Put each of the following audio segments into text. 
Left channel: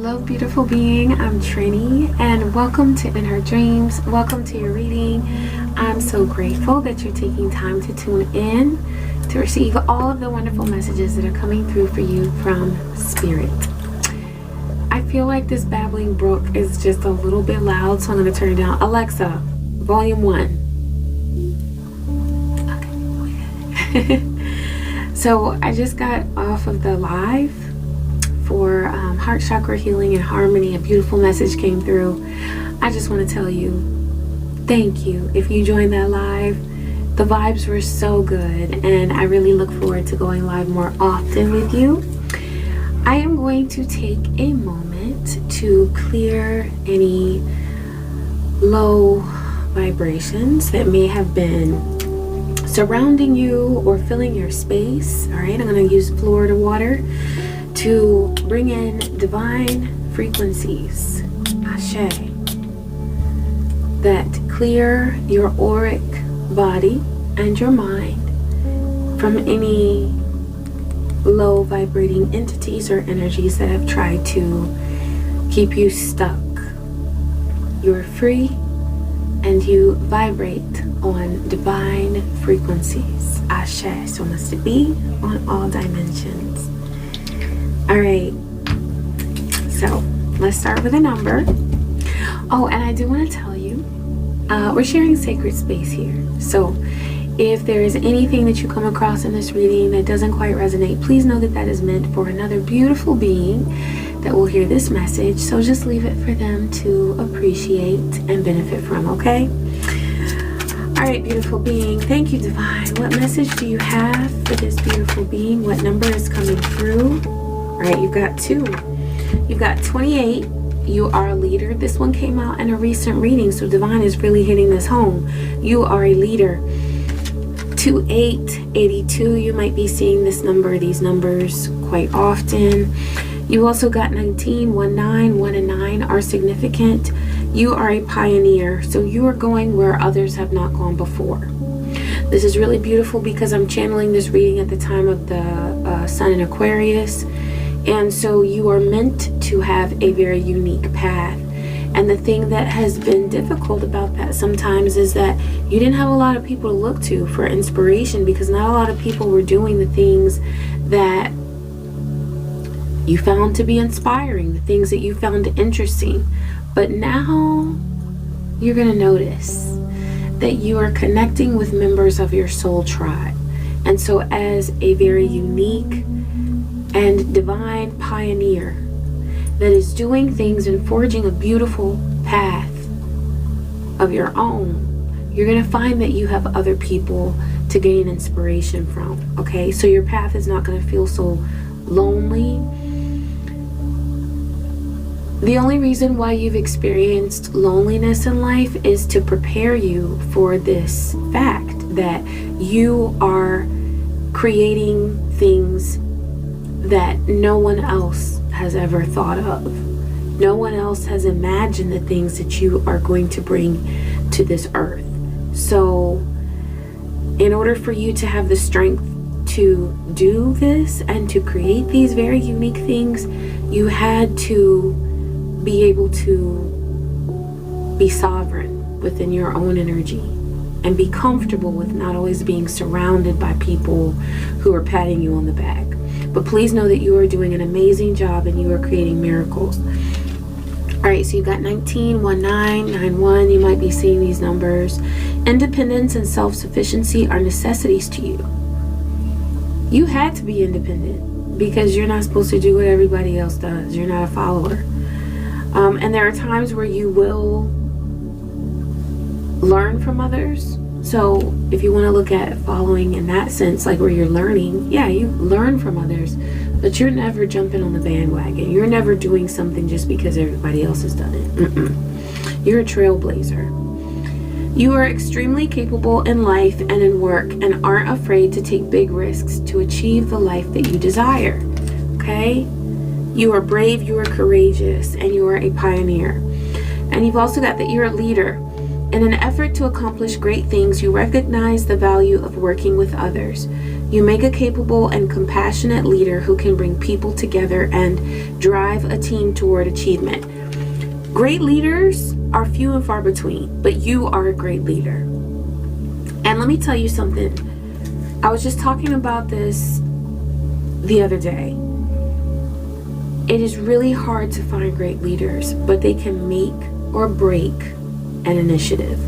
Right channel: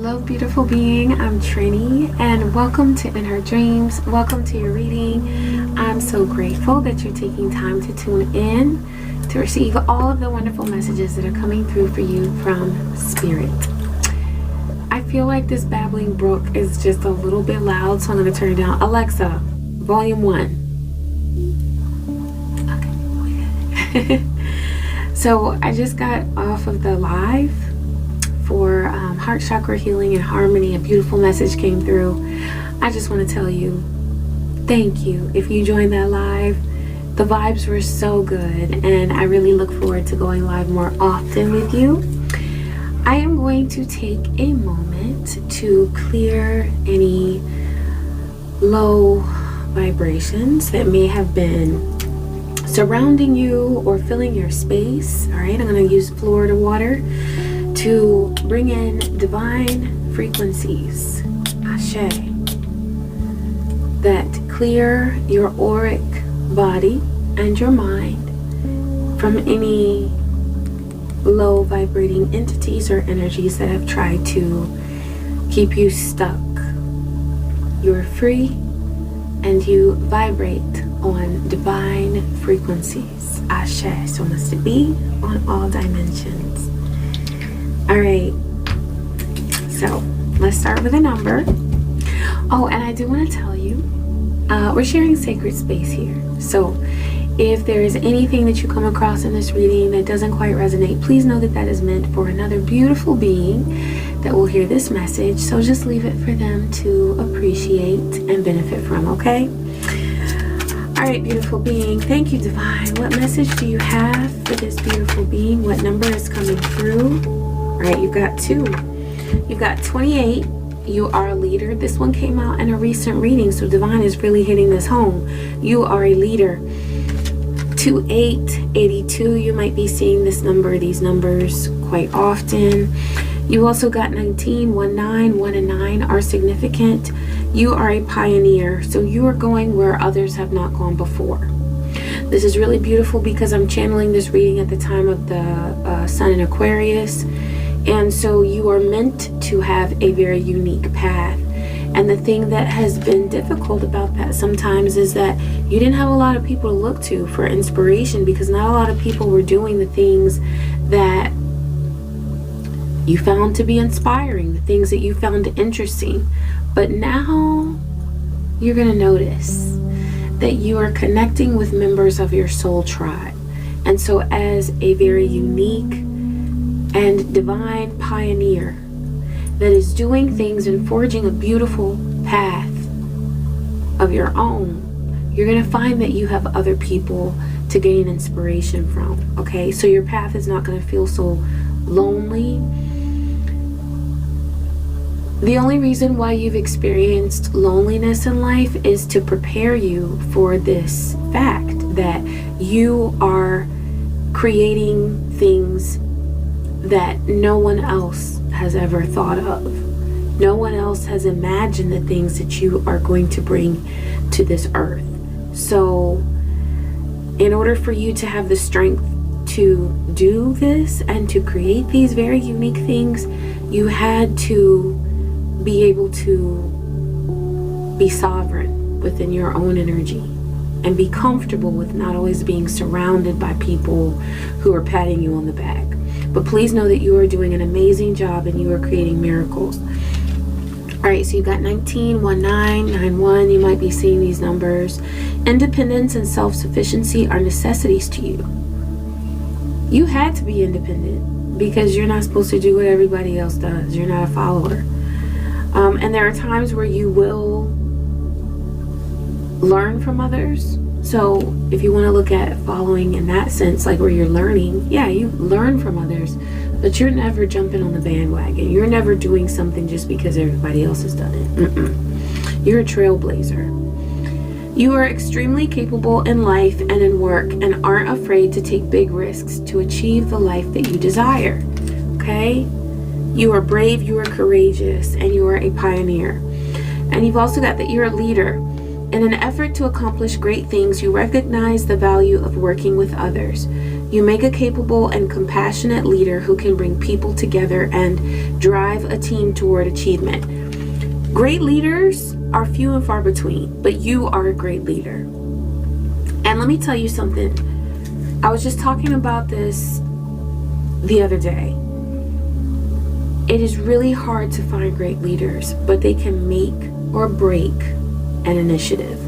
Hello, beautiful being. I'm Trini, and welcome to In Her Dreams. Welcome to your reading. I'm so grateful that you're taking time to tune in to receive all of the wonderful messages that are coming through for you from Spirit. I feel like this babbling brook is just a little bit loud, so I'm going to turn it down. Alexa, volume 1. Okay. So I just got off of the live for heart chakra healing and harmony. A beautiful message came through. I just want to tell you thank you if you joined that live. The vibes were so good, and I really look forward to going live more often with you. I am going to take a moment to clear any low vibrations that may have been surrounding you or filling your space. All right, I'm going to use Florida water to bring in divine frequencies, Ashe, that clear your auric body and your mind from any low vibrating entities or energies that have tried to keep you stuck. You're free and you vibrate on divine frequencies, Ashe. So must it be on all dimensions. All right, so let's start with a number. Oh, and I do want to tell you, we're sharing sacred space here. So if there is anything that you come across in this reading that doesn't quite resonate, please know that that is meant for another beautiful being that will hear this message. So just leave it for them to appreciate and benefit from, okay? All right, beautiful being. Thank you, Divine. What message do you have for this beautiful being? What number is coming through? All right, you've got 2. You've got 28. You are a leader. This one came out in a recent reading, so Divine is really hitting this home. You are a leader. 2882. You might be seeing this number, these numbers quite often. You also got 19, 19, 1 and 9 are significant. You are a pioneer, so you are going where others have not gone before. This is really beautiful because I'm channeling this reading at the time of the Sun in Aquarius. And so you are meant to have a very unique path. And the thing that has been difficult about that sometimes is that you didn't have a lot of people to look to for inspiration, because not a lot of people were doing the things that you found to be inspiring, the things that you found interesting. But now you're going to notice that you are connecting with members of your soul tribe. And so as a very unique and divine pioneer that is doing things and forging a beautiful path of your own, you're going to find that you have other people to gain inspiration from. Okay, so your path is not going to feel so lonely. The only reason why you've experienced loneliness in life is to prepare you for this fact that you are creating things that no one else has ever thought of. No one else has imagined the things that you are going to bring to this earth. So in order for you to have the strength to do this and to create these very unique things, you had to be able to be sovereign within your own energy and be comfortable with not always being surrounded by people who are patting you on the back. But please know that you are doing an amazing job and you are creating miracles. All right, so you got 19, 19, 91. You might be seeing these numbers. Independence and self-sufficiency are necessities to you. You had to be independent because you're not supposed to do what everybody else does. You're not a follower. And there are times where you will learn from others. So if you want to look at following in that sense, like where you're learning, yeah, you learn from others, but you're never jumping on the bandwagon. You're never doing something just because everybody else has done it. You're a trailblazer. You are extremely capable in life and in work and aren't afraid to take big risks to achieve the life that you desire. Okay? You are brave, you are courageous, and you are a pioneer. And you've also got that you're a leader. In an effort to accomplish great things, you recognize the value of working with others. You make a capable and compassionate leader who can bring people together and drive a team toward achievement. Great leaders are few and far between, but you are a great leader. And let me tell you something. I was just talking about this the other day. It is really hard to find great leaders, but they can make or break an initiative.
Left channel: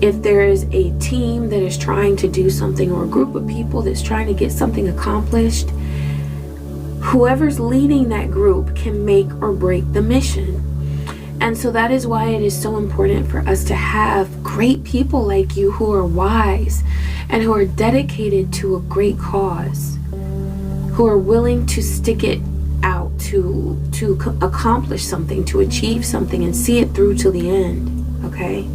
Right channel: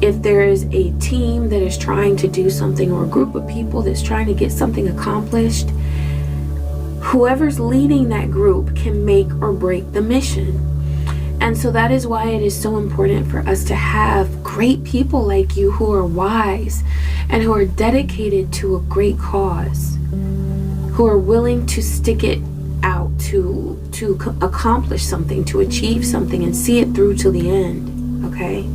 If there is a team that is trying to do something, or a group of people that's trying to get something accomplished, whoever's leading that group can make or break the mission. And so that is why it is so important for us to have great people like you who are wise and who are dedicated to a great cause, who are willing to stick it out to accomplish something, to achieve something, and see it through to the end. Okay?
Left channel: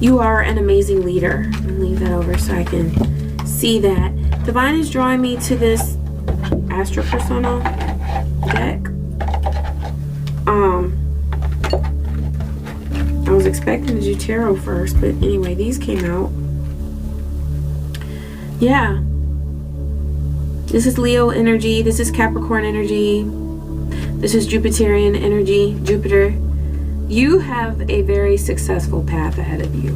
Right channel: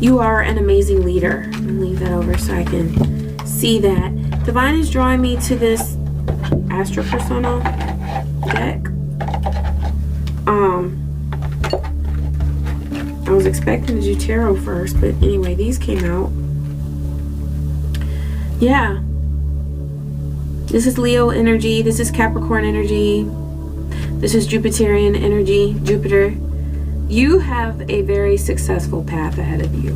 You are an amazing leader. I'm gonna leave that over so I can see that. Divine is drawing me to this Astro Persona deck. I was expecting to do tarot first, but anyway, these came out. Yeah. This is Leo energy. This is Capricorn energy. This is Jupiterian energy, Jupiter. You have a very successful path ahead of you.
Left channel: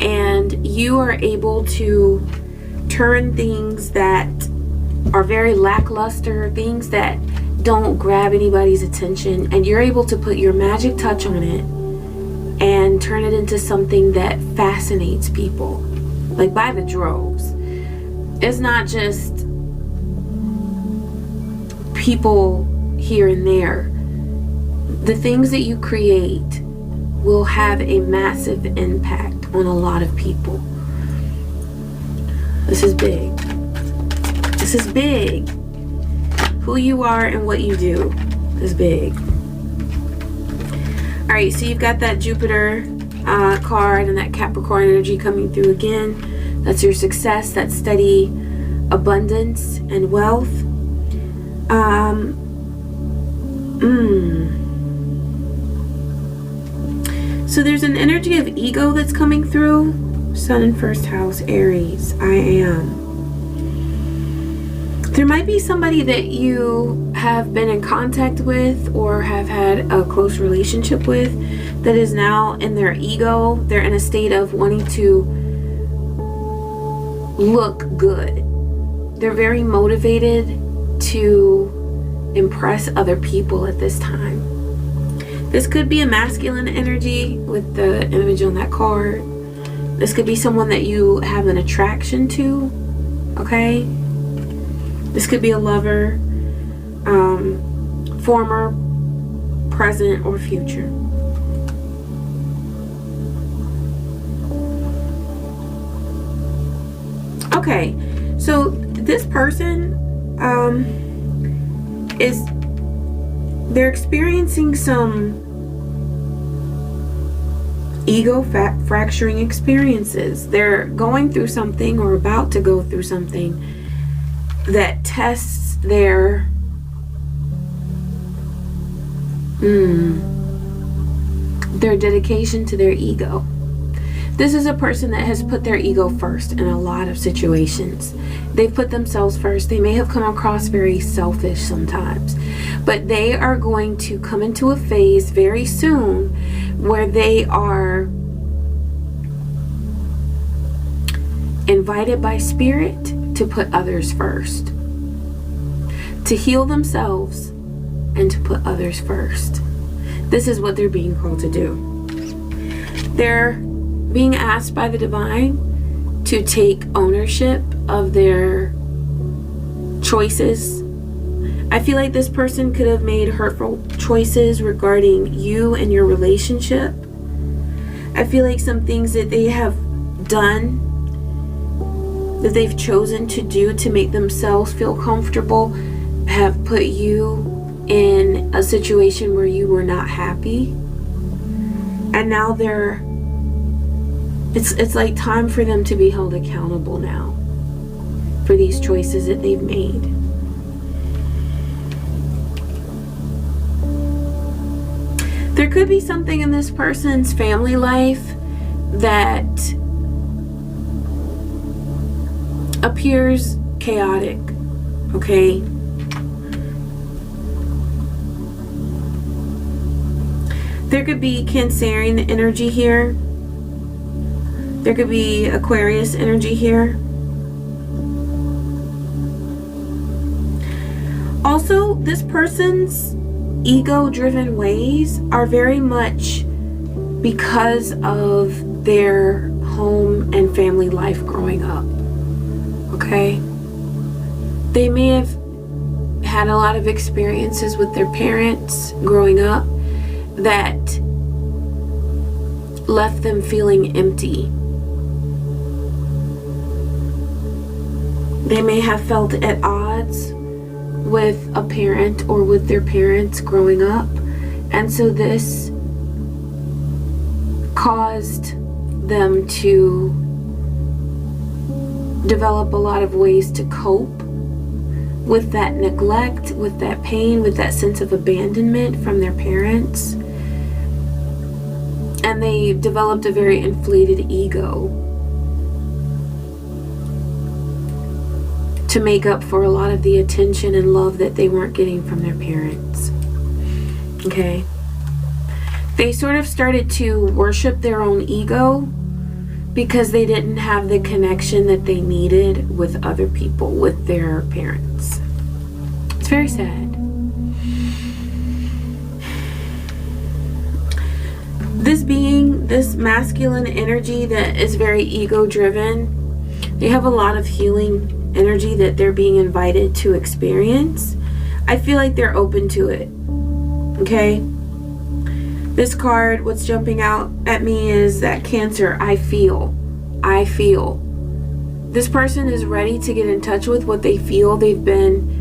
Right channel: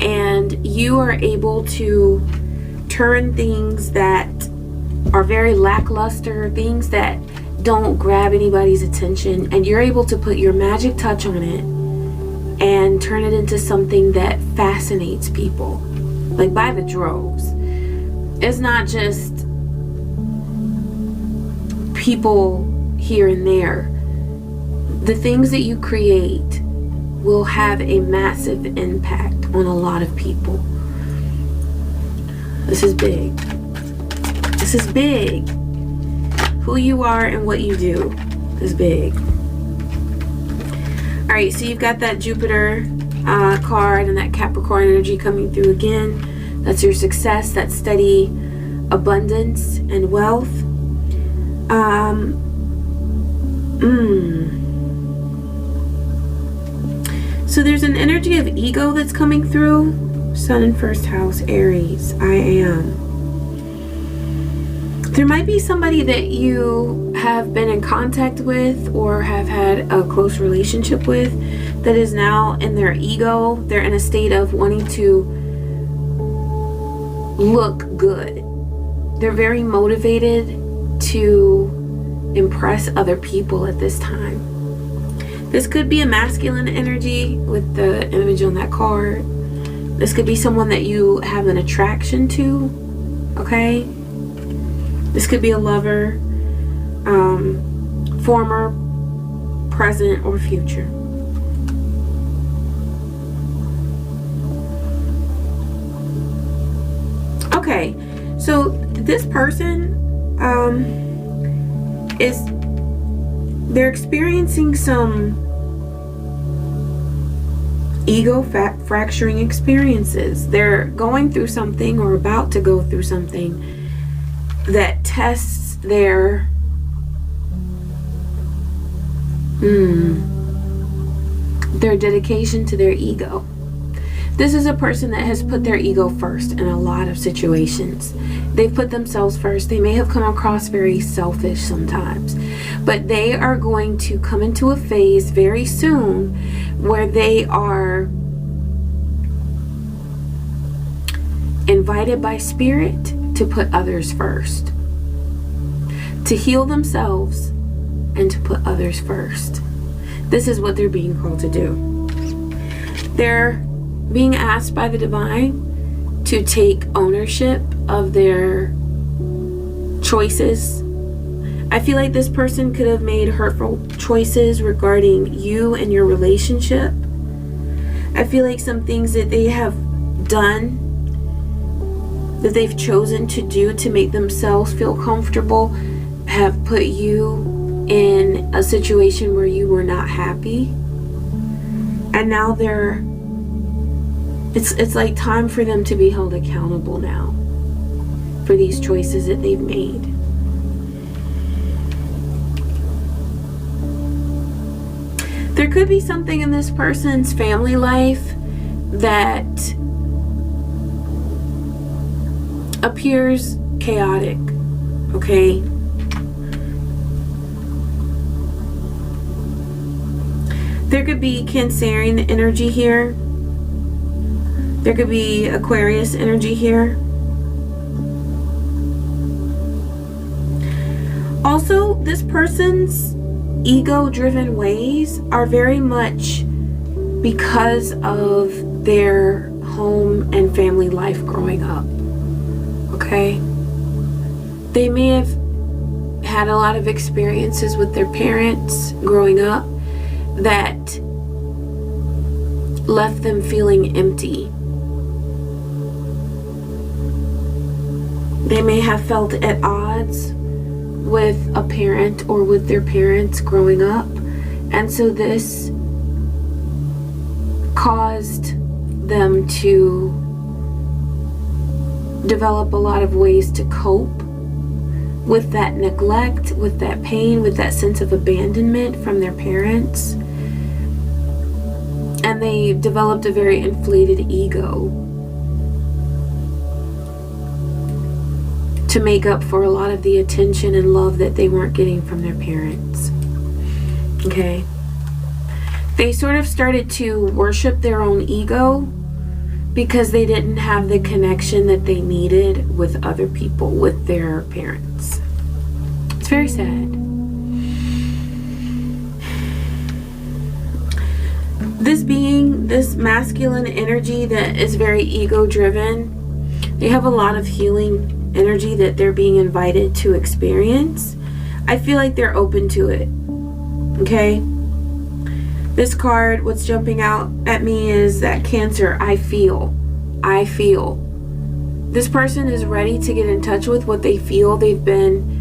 And you are able to turn things that are very lackluster, things that don't grab anybody's attention, and you're able to put your magic touch on it and turn it into something that fascinates people, like by the droves. It's not just people here and there. The things that you create will have a massive impact on a lot of people. This is big. This is big. Who you are and what you do is big. All right, so you've got that Jupiter card and that Capricorn energy coming through again. That's your success, that steady abundance and wealth. So there's an energy of ego that's coming through. Sun in first house, Aries, I am. There might be somebody that you have been in contact with or have had a close relationship with that is now in their ego. They're in a state of wanting to look good. They're very motivated to impress other people at this time. This could be a masculine energy with the image on that card. This could be someone that you have an attraction to, okay? This could be a lover, former, present, or future. Okay, so this person they're experiencing some ego fracturing experiences. They're going through something or about to go through something that tests their dedication to their ego. This is a person that has put their ego first in a lot of situations. They've put themselves first. They may have come across very selfish sometimes, but they are going to come into a phase very soon where they are invited by spirit to put others first, to heal themselves and to put others first. This is what they're being called to do. They're being asked by the divine to take ownership of their choices. I feel like this person could have made hurtful choices regarding you and your relationship. I feel like some things that they have done, that they've chosen to do to make themselves feel comfortable, have put you in a situation where you were not happy. And now it's like time for them to be held accountable now for these choices that they've made. There could be something in this person's family life that appears chaotic, okay? There could be Cancerian energy here. There could be Aquarius energy here. Also, this person's ego-driven ways are very much because of their home and family life growing up. Okay? They may have had a lot of experiences with their parents growing up that left them feeling empty. They may have felt at odds with a parent or with their parents growing up, and so this caused them to develop a lot of ways to cope with that neglect, with that pain, with that sense of abandonment from their parents. And they developed a very inflated ego to make up for a lot of the attention and love that they weren't getting from their parents. Okay? They sort of started to worship their own ego because they didn't have the connection that they needed with other people, with their parents. It's very sad. This being, this masculine energy that is very ego-driven, they have a lot of healing energy that they're being invited to experience. I feel like they're open to it. Okay? This card, what's jumping out at me is that Cancer. I feel. This person is ready to get in touch with what they feel. They've been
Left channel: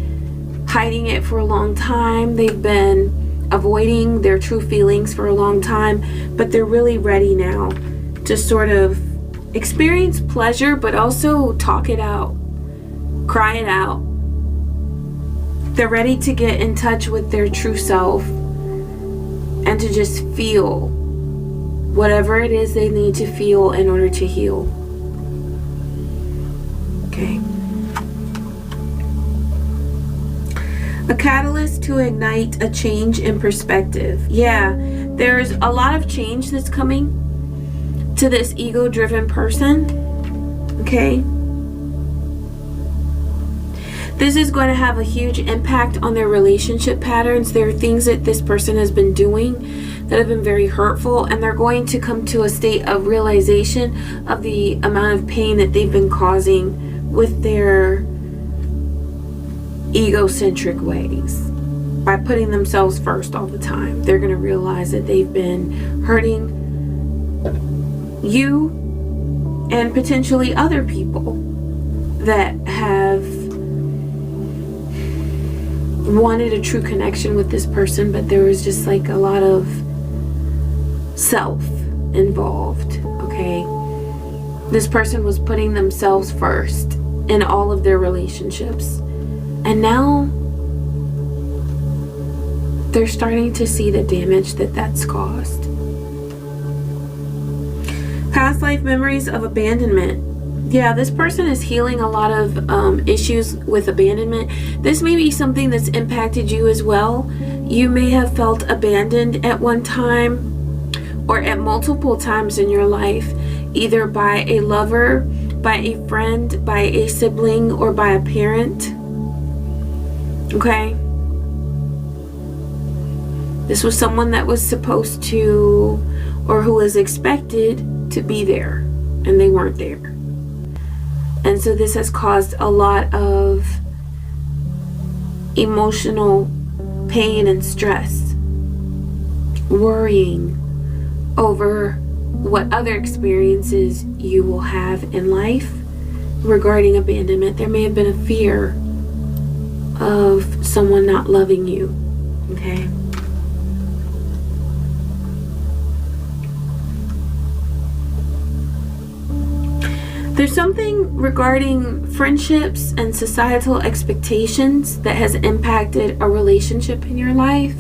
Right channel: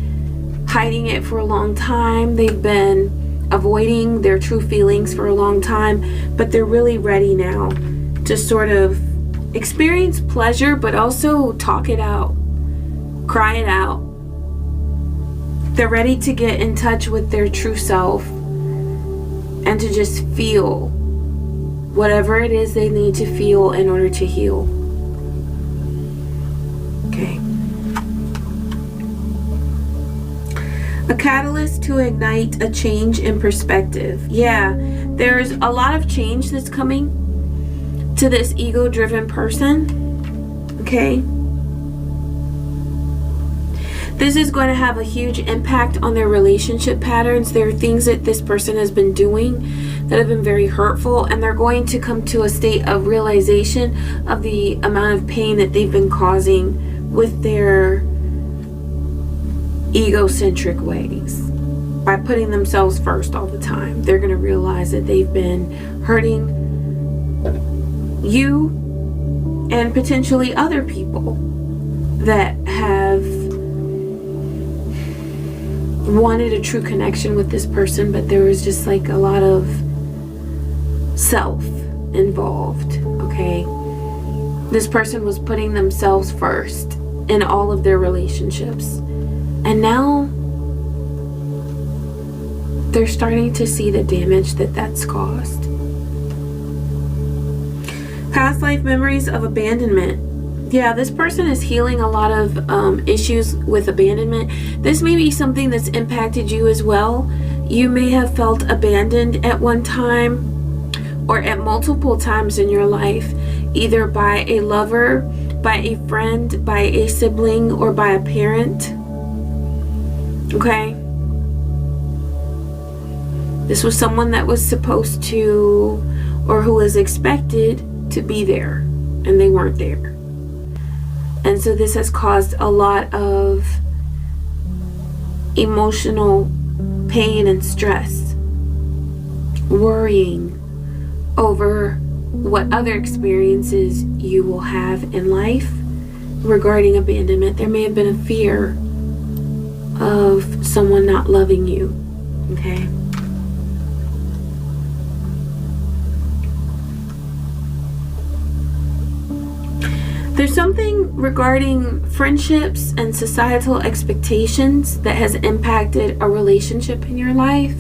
hiding it for a long time. They've been avoiding their true feelings for a long time, but they're really ready now to sort of experience pleasure, but also talk it out, cry it out. They're ready to get in touch with their true self and to just feel whatever it is they need to feel in order to heal. Okay. A catalyst to ignite a change in perspective. Yeah, there's a lot of change that's coming to this ego-driven person. Okay. This is going to have a huge impact on their relationship patterns. There are things that this person has been doing that have been very hurtful, and they're going to come to a state of realization of the amount of pain that they've been causing with their egocentric ways. By putting themselves first all the time, they're going to realize that they've been hurting you and potentially other people that have wanted a true connection with this person, but there was just like a lot of self involved. Okay, this person was putting themselves first in all of their relationships, and now they're starting to see the damage that that's caused. Past life memories of abandonment. Yeah, this person is healing a lot of issues with abandonment. This may be something that's impacted you as well. You may have felt abandoned at one time or at multiple times in your life, either by a lover, by a friend, by a sibling, or by a parent. Okay? This was someone that was supposed to, or who was expected to be there, and they weren't there. And so this has caused a lot of emotional pain and stress, worrying over what other experiences you will have in life regarding abandonment. There may have been a fear of someone not loving you. Okay? There's something regarding friendships and societal expectations that has impacted a relationship in your life.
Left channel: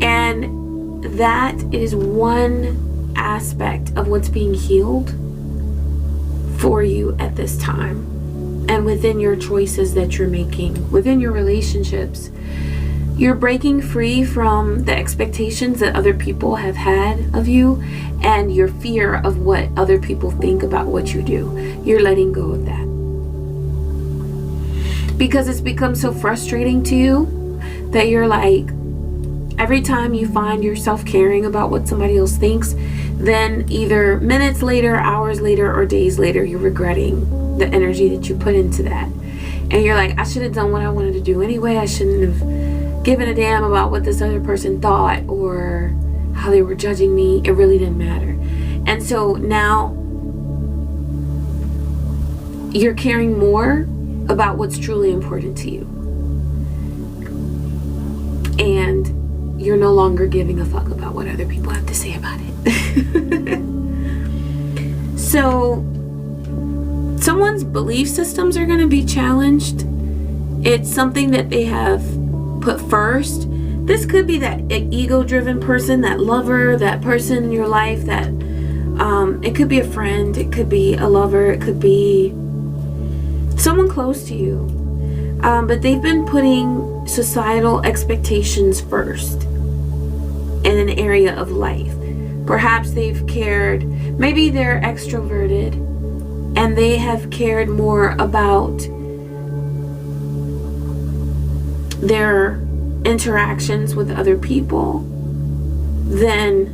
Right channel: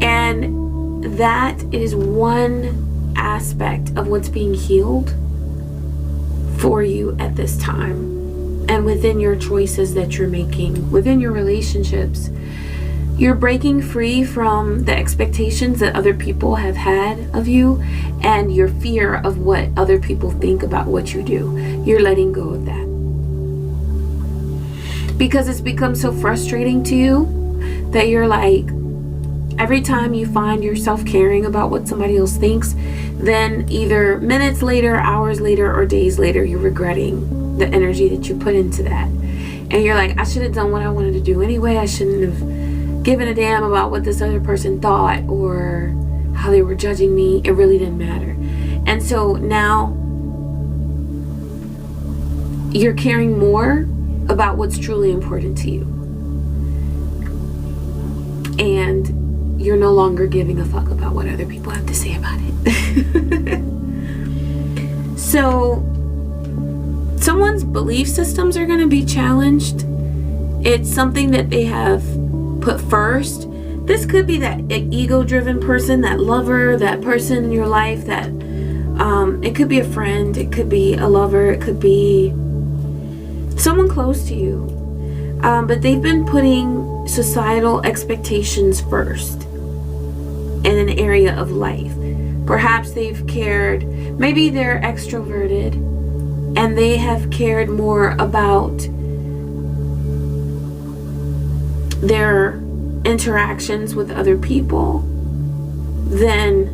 And that is one aspect of what's being healed for you at this time. and within your choices that you're making, within your relationships. You're breaking free from the expectations that other people have had of you and your fear of what other people think about what you do. You're letting go of that. Because it's become so frustrating to you that you're like, every time you find yourself caring about what somebody else thinks, then either minutes later, hours later, or days later, you're regretting the energy that you put into that. And you're like, I should have done what I wanted to do anyway. I shouldn't have given a damn about what this other person thought or how they were judging me. It really didn't matter. And so now you're caring more about what's truly important to you. And you're no longer giving a fuck about what other people have to say about it. So someone's belief systems are going to be challenged. It's something that they have put first. This could be that ego-driven person, that lover, that person in your life that it could be a friend, it could be a lover, it could be someone close to you. But they've been putting societal expectations first in an area of life. Perhaps they've cared, maybe they're extroverted and they have cared more about their interactions with other people than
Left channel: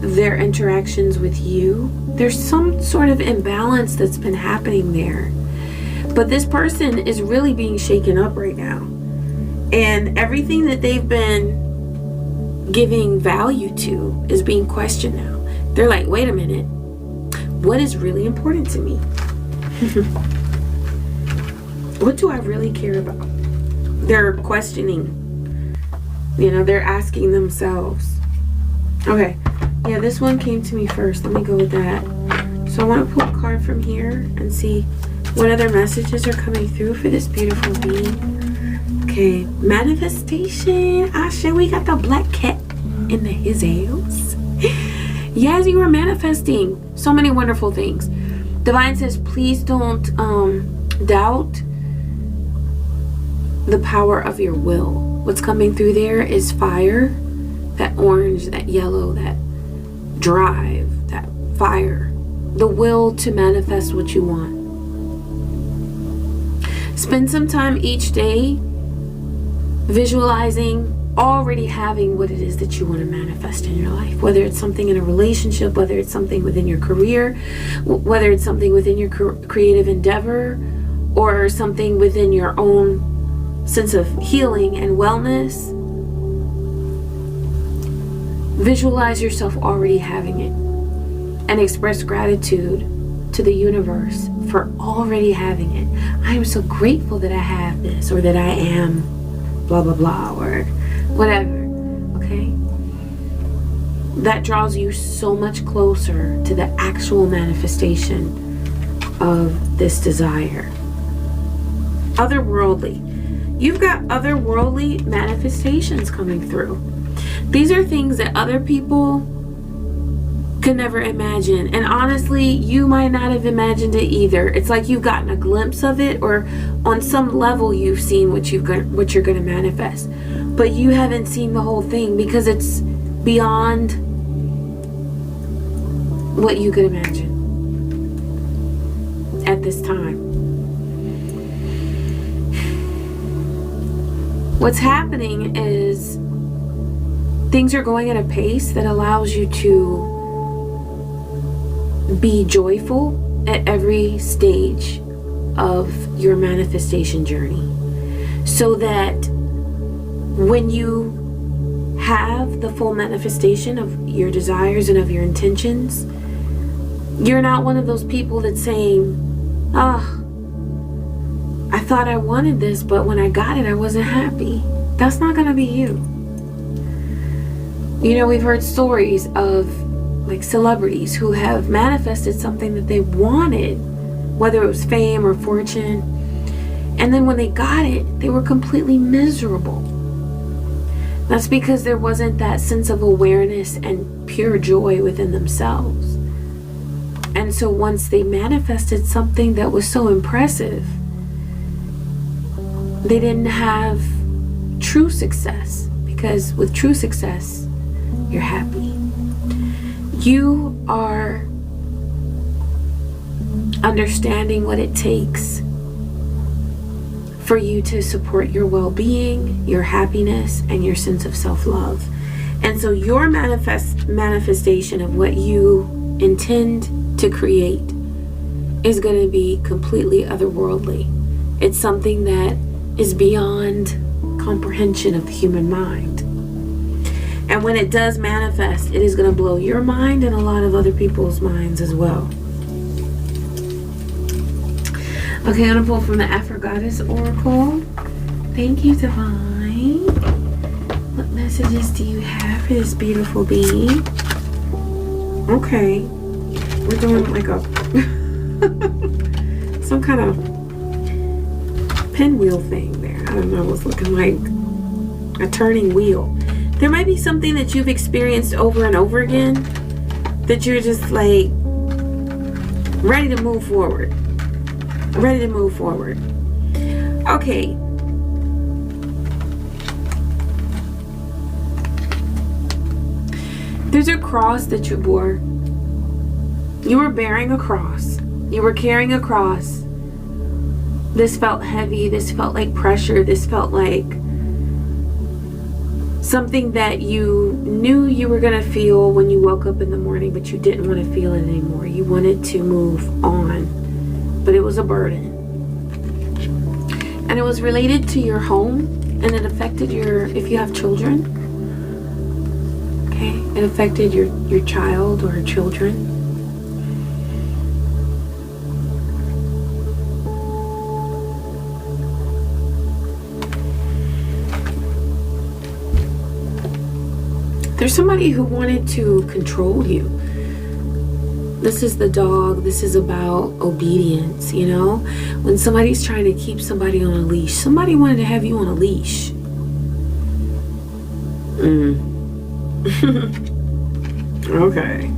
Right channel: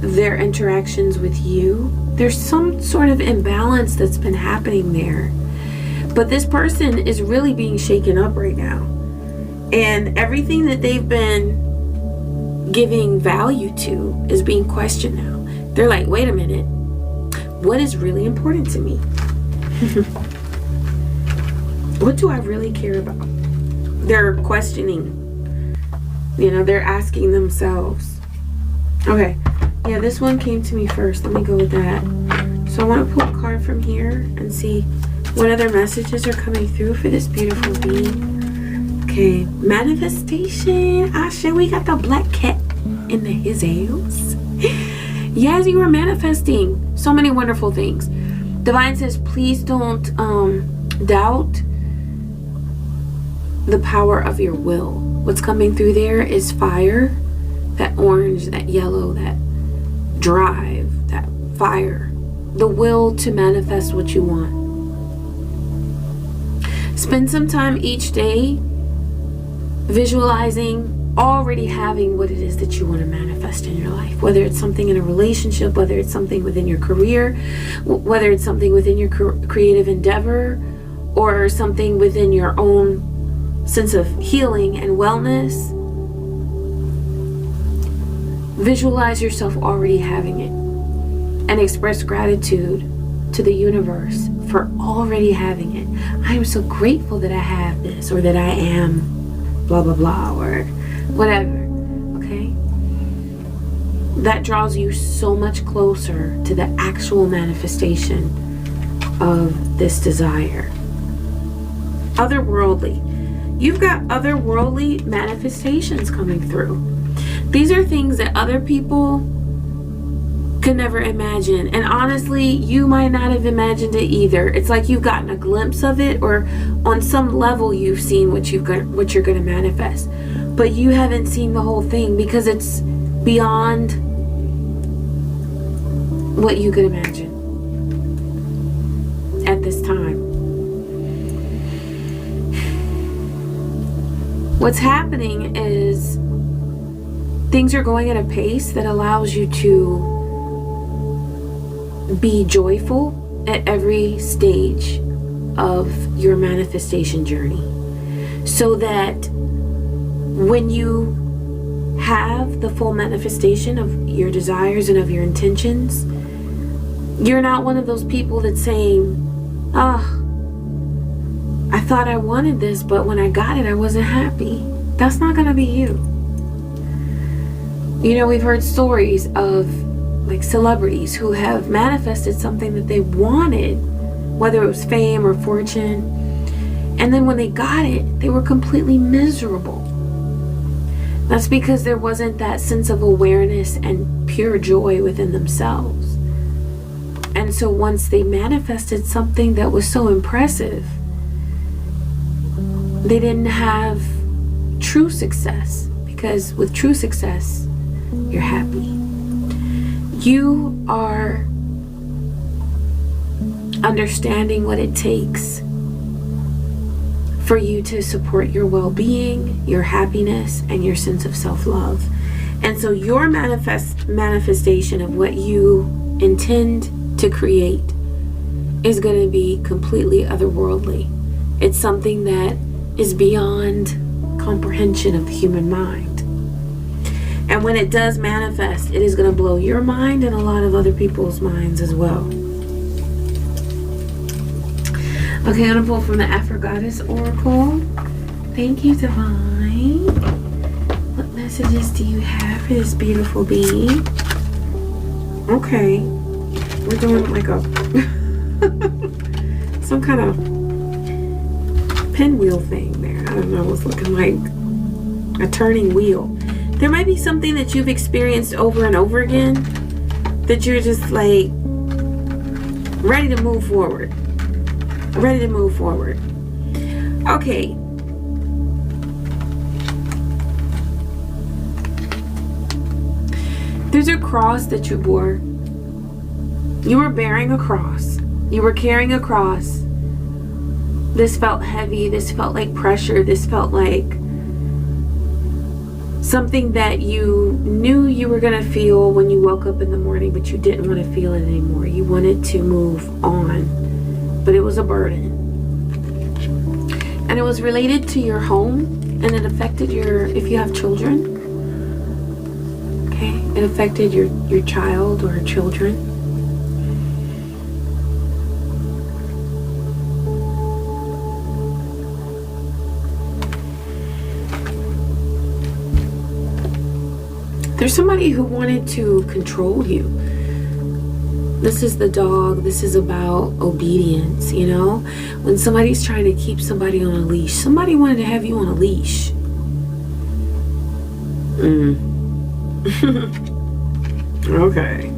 their interactions with you. There's some sort of imbalance that's been happening there. But this person is really being shaken up right now. And everything that they've been giving value to is being questioned now. They're like, wait a minute. What is really important to me? What do I really care about? They're questioning. You know, they're asking themselves. Okay. Yeah, this one came to me first. Let me go with that. So I want to pull a card from here and see what other messages are coming through for this beautiful being. Okay. Manifestation. Asha, we got the black cat in the his house. Yes, you are manifesting so many wonderful things. Divine says, please don't doubt the power of your will. What's coming through there is fire, that orange, that yellow, that drive, that fire, the will to manifest what you want. Spend some time each day visualizing already having what it is that you want to manifest in your life, whether it's something in a relationship, whether it's something within your career, whether it's something within your creative endeavor, or something within your own sense of healing and wellness. Visualize yourself already having it and express gratitude to the universe for already having it. I am so grateful that I have this, or that I am blah blah blah, or whatever. Okay? That draws you so much closer to the actual manifestation of this desire. Otherworldly. You've got otherworldly manifestations coming through. These are things that other people could never imagine. And honestly, you might not have imagined it either. It's like you've gotten a glimpse of it, or on some level you've seen what you're going to manifest. But you haven't seen the whole thing because it's beyond what you could imagine at this time. What's happening is things are going at a pace that allows you to be joyful at every stage of your manifestation journey, so that when you have the full manifestation of your desires and of your intentions, you're not one of those people that's saying, I thought I wanted this, but when I got it, I wasn't happy. That's not going to be you. You know, we've heard stories of like celebrities who have manifested something that they wanted, whether it was fame or fortune, and then when they got it, they were completely miserable. That's because there wasn't that sense of awareness and pure joy within themselves. And so once they manifested something that was so impressive, they didn't have true success, because with true success, you're happy. You are understanding what it takes for you to support your well-being, your happiness, and your sense of self-love. And so your manifestation of what you intend to create is going to be completely otherworldly. It's something that is beyond comprehension of the human mind. And when it does manifest, it is going to blow your mind and a lot of other people's minds as well. Okay, I'm going to pull from the Afro Goddess Oracle. Thank you, Divine. What messages do you have for this beautiful being? Okay. We're doing like a some kind of pinwheel thing there. I don't know. It's looking like a turning wheel. There might be something that you've experienced over and over again that you're just like ready to move forward. Ready to move forward. Okay. There's a cross that you bore. You were bearing a cross. You were carrying a cross. This felt heavy. This felt like pressure. This felt like something that you knew you were going to feel when you woke up in the morning, but you didn't want to feel it anymore. You wanted to move on, but it was a burden. And it was related to your home, and it affected if you have children. Okay, it affected your child or children. There's somebody who wanted to control you. This is the dog. This is about obedience, you know? When somebody's trying to keep somebody on a leash, somebody wanted to have you on a leash. Okay.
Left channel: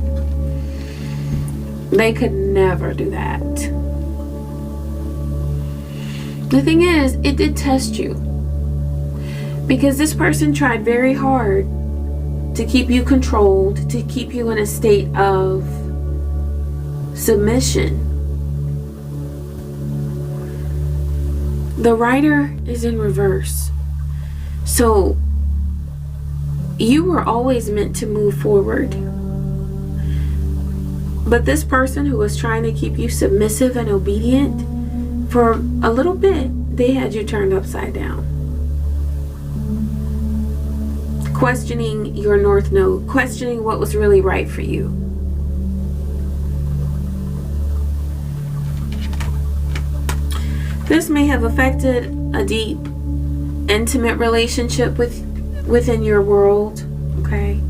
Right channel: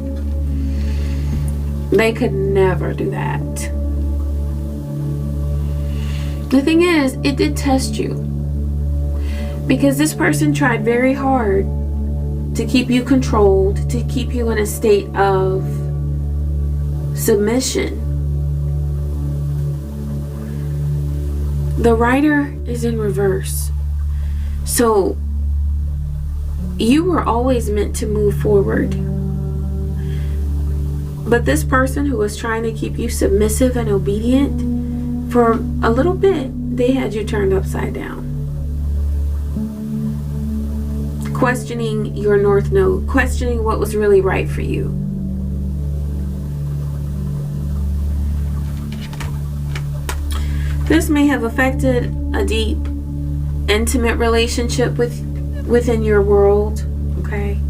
They could never do that. The thing is, it did test you. Because this person tried very hard to keep you controlled, to keep you in a state of submission. The rider is in reverse. So you were always meant to move forward. But this person who was trying to keep you submissive and obedient, for a little bit, they had you turned upside down. Questioning your North Node, questioning what was really right for you. This may have affected a deep, intimate relationship within your world, okay?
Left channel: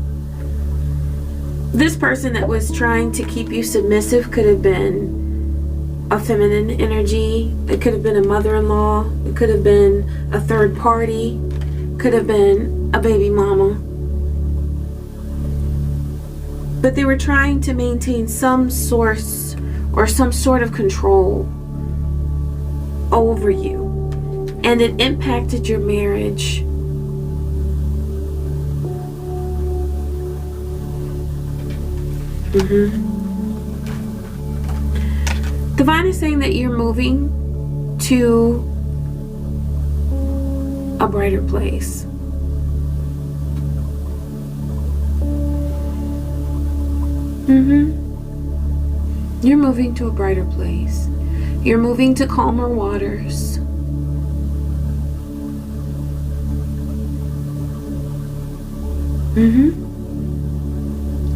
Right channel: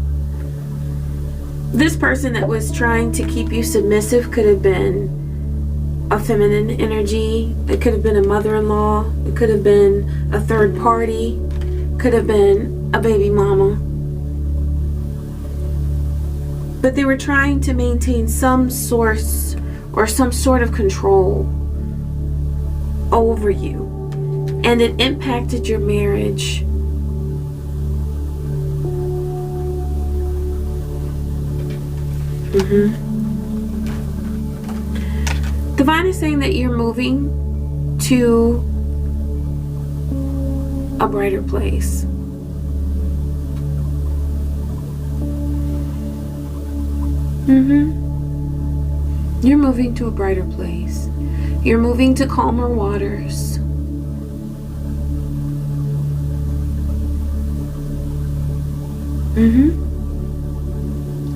This person that was trying to keep you submissive could have been a feminine energy. It could have been a mother-in-law. It could have been a third party. Could have been a baby mama. But they were trying to maintain some source or some sort of control over you. And it impacted your marriage. Divine is saying that you're moving to a brighter place. You're moving to a brighter place. You're moving to calmer waters.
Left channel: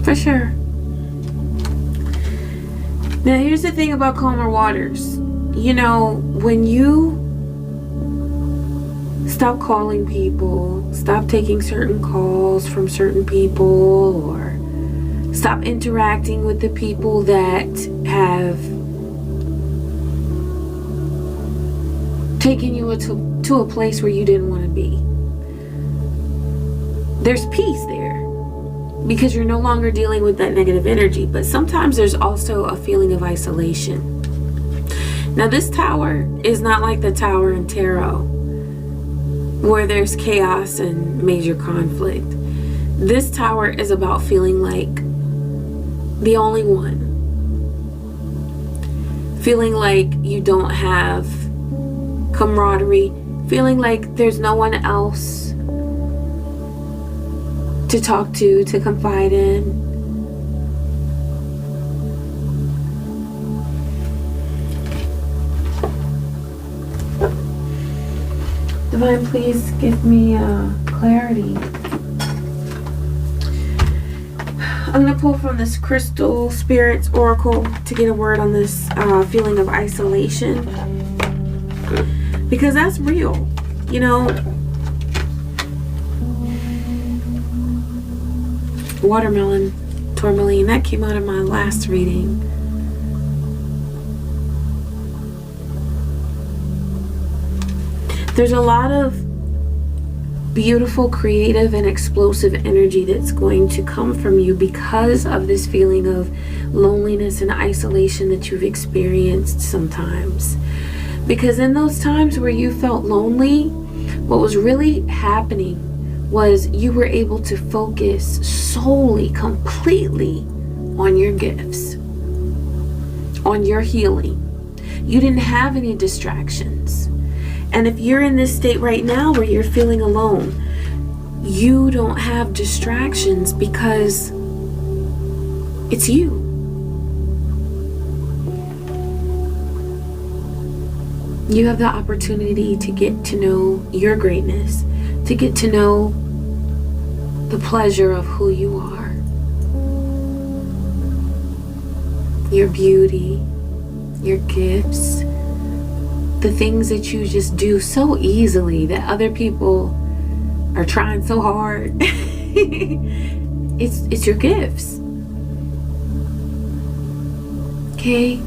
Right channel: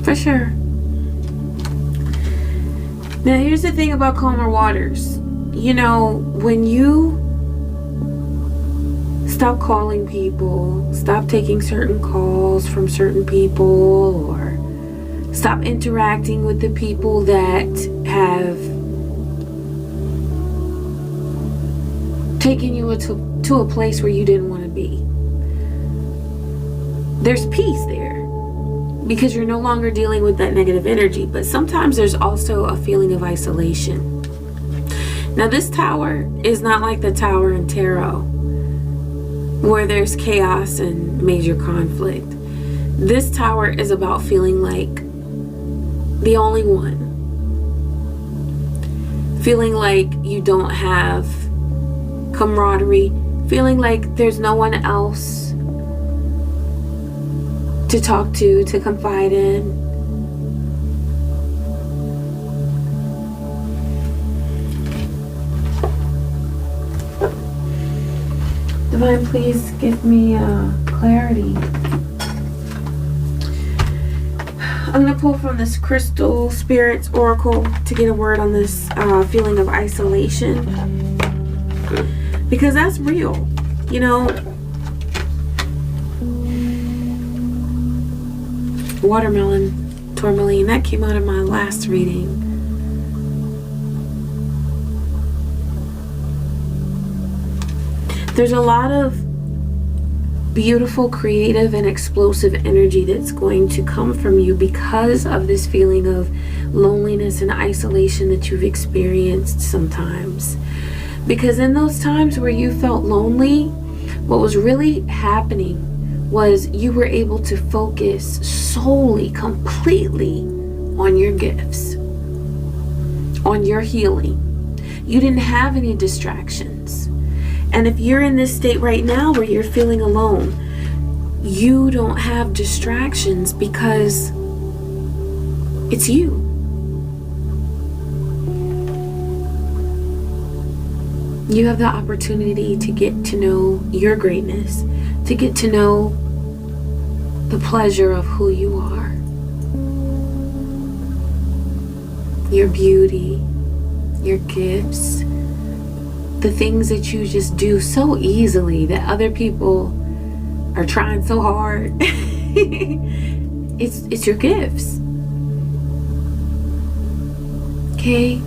For sure. Now here's the thing about calmer waters. You know, when you stop calling people, stop taking certain calls from certain people, or stop interacting with the people that have taken you to a place where you didn't want to be. There's peace there. because you're no longer dealing with that negative energy. But sometimes there's also a feeling of isolation. Now this tower is not like the tower in tarot where there's chaos and major conflict. This tower is about feeling like the only one. Feeling like you don't have camaraderie. Feeling like there's no one else to talk to confide in. Divine, please give me clarity. I'm going to pull from this Crystal Spirits Oracle to get a word on this feeling of isolation. Because that's real. You know, Watermelon Tourmaline, that came out of my last reading. There's a lot of beautiful, creative, and explosive energy that's going to come from you because of this feeling of loneliness and isolation that you've experienced sometimes. Because in those times where you felt lonely, what was really happening was you were able to focus solely, completely on your gifts, on your healing. You didn't have any distractions. And if you're in this state right now where you're feeling alone, you don't have distractions because it's you. You have the opportunity to get to know your greatness, to get to know the pleasure of who you are, your beauty, your gifts, the things that you just do so easily that other people are trying so hard. It's your gifts. Okay?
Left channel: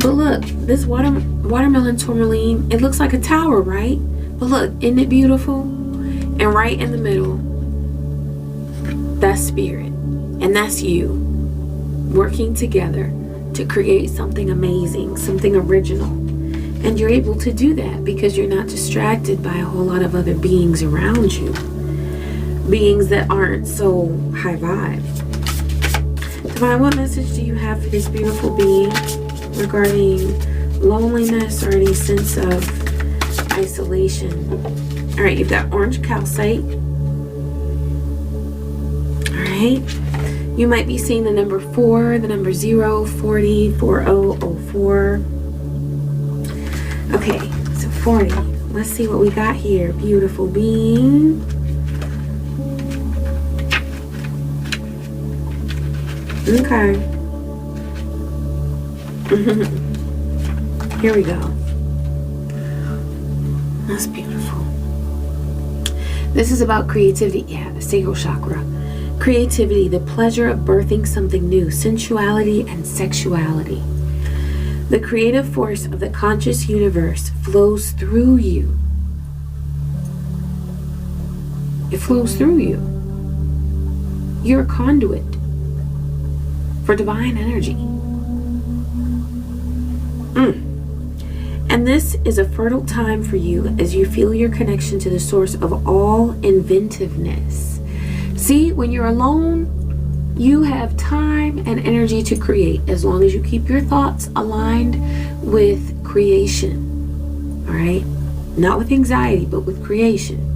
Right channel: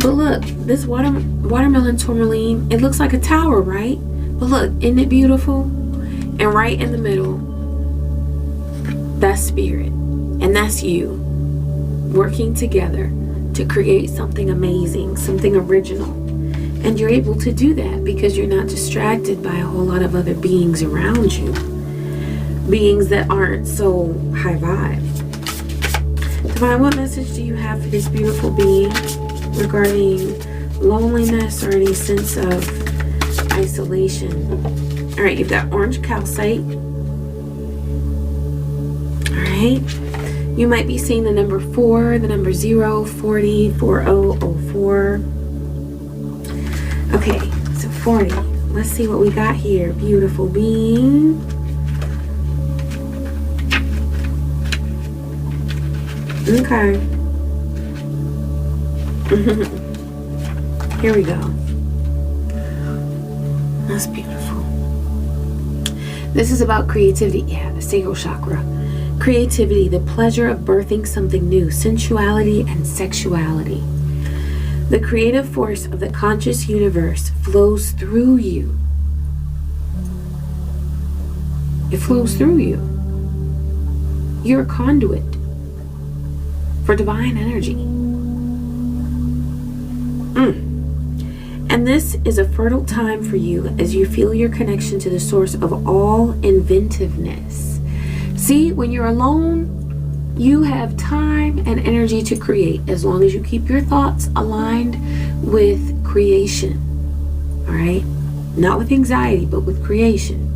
But look, this Watermelon Tourmaline, it looks like a tower, right? But look, isn't it beautiful? And right in the middle, that's spirit. And that's you working together to create something amazing, something original. And you're able to do that because you're not distracted by a whole lot of other beings around you. Beings that aren't so high vibe. Divine, what message do you have for this beautiful being regarding loneliness or any sense of isolation? All right, you've got orange calcite. All right. You might be seeing the number 4, the number 0, 40, 4004. Okay, so 40. Let's see what we got here. Beautiful being. Okay. Here we go. That's beautiful. This is about creativity. Yeah, the sacral chakra. Creativity, the pleasure of birthing something new, sensuality and sexuality. The creative force of the conscious universe flows through you. It flows through you. You're a conduit for divine energy. And this is a fertile time for you as you feel your connection to the source of all inventiveness. See, when you're alone, you have time and energy to create as long as you keep your thoughts aligned with creation. All right? Not with anxiety, but with creation.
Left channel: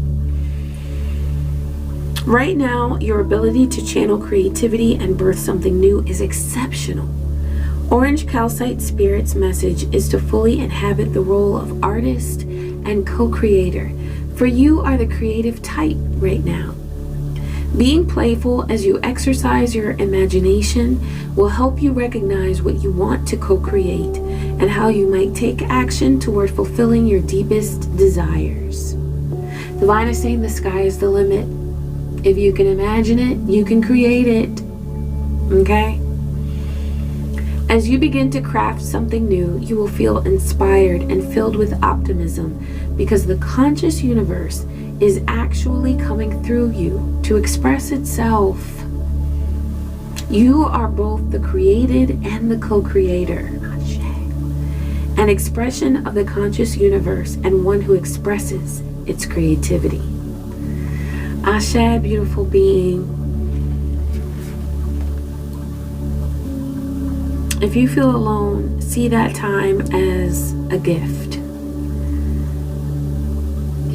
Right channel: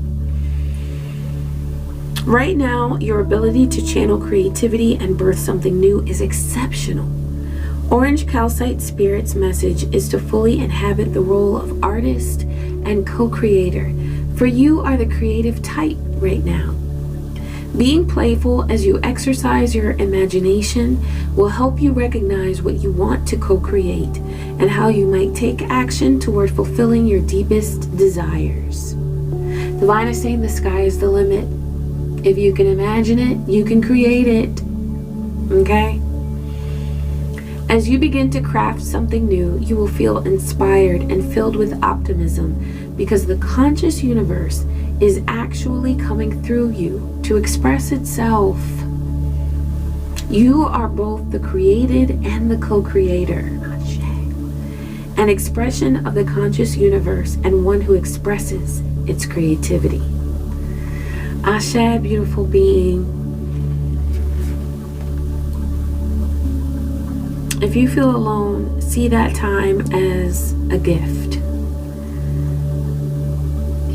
Right now, your ability to channel creativity and birth something new is exceptional. Orange Calcite Spirit's message is to fully inhabit the role of artist and co-creator, for you are the creative type right now. Being playful as you exercise your imagination will help you recognize what you want to co-create and how you might take action toward fulfilling your deepest desires. Divine is saying the sky is the limit. If you can imagine it, you can create it. Okay? As you begin to craft something new, you will feel inspired and filled with optimism because the conscious universe is actually coming through you to express itself. You are both the created and the co-creator. An expression of the conscious universe and one who expresses its creativity. Ashe, beautiful being. If you feel alone, see that time as a gift.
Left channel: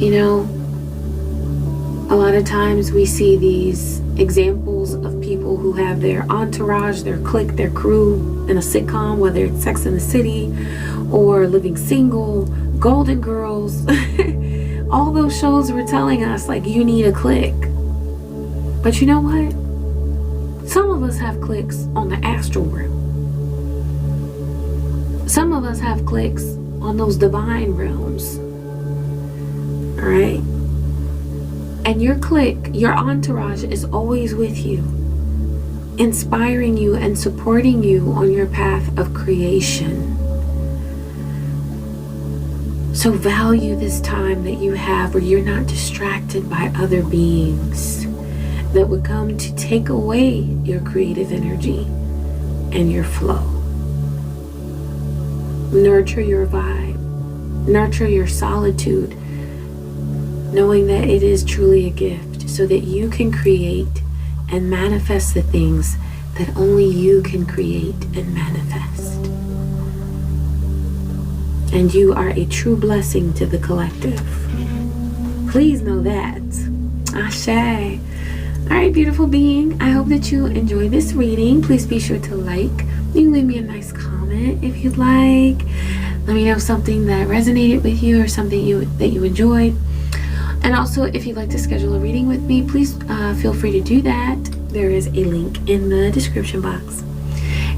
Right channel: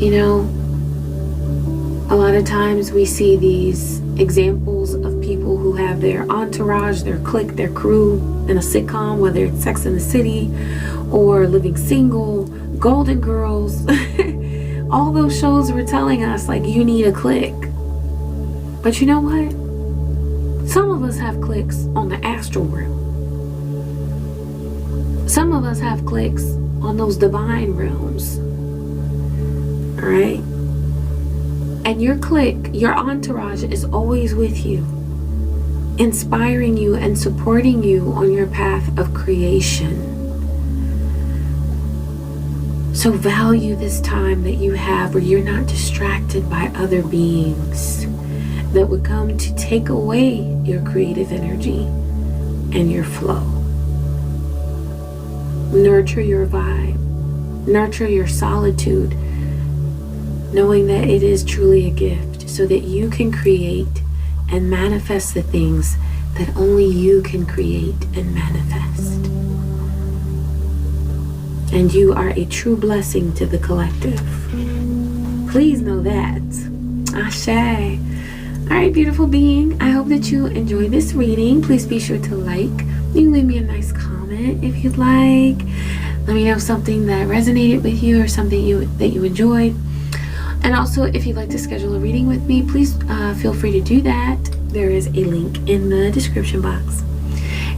You know, a lot of times we see these examples of people who have their entourage, their clique, their crew in a sitcom, whether it's Sex and the City or Living Single, Golden Girls. All those shows were telling us, like, you need a clique. But you know what? Some of us have cliques on the astral realm. Some of us have cliques on those divine realms. Alright? And your clique, your entourage is always with you, inspiring you and supporting you on your path of creation. So value this time that you have where you're not distracted by other beings that would come to take away your creative energy and your flow. Nurture your vibe. Nurture your solitude, knowing that it is truly a gift so that you can create and manifest the things that only you can create and manifest. And you are a true blessing to the collective. Please know that. Ashe. Alright, beautiful being. I hope that you enjoy this reading. Please be sure to like. You can leave me a nice comment if you'd like. Let me know something that resonated with you or something that you enjoyed. And also, if you'd like to schedule a reading with me, please feel free to do that. There is a link in the description box.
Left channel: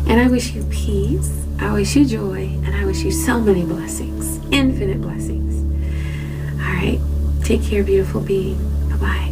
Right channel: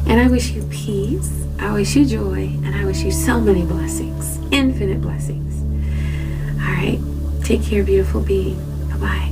And I wish you peace. I wish you joy, and I wish you so many blessings, infinite blessings. All right, take care, beautiful being. Bye-bye.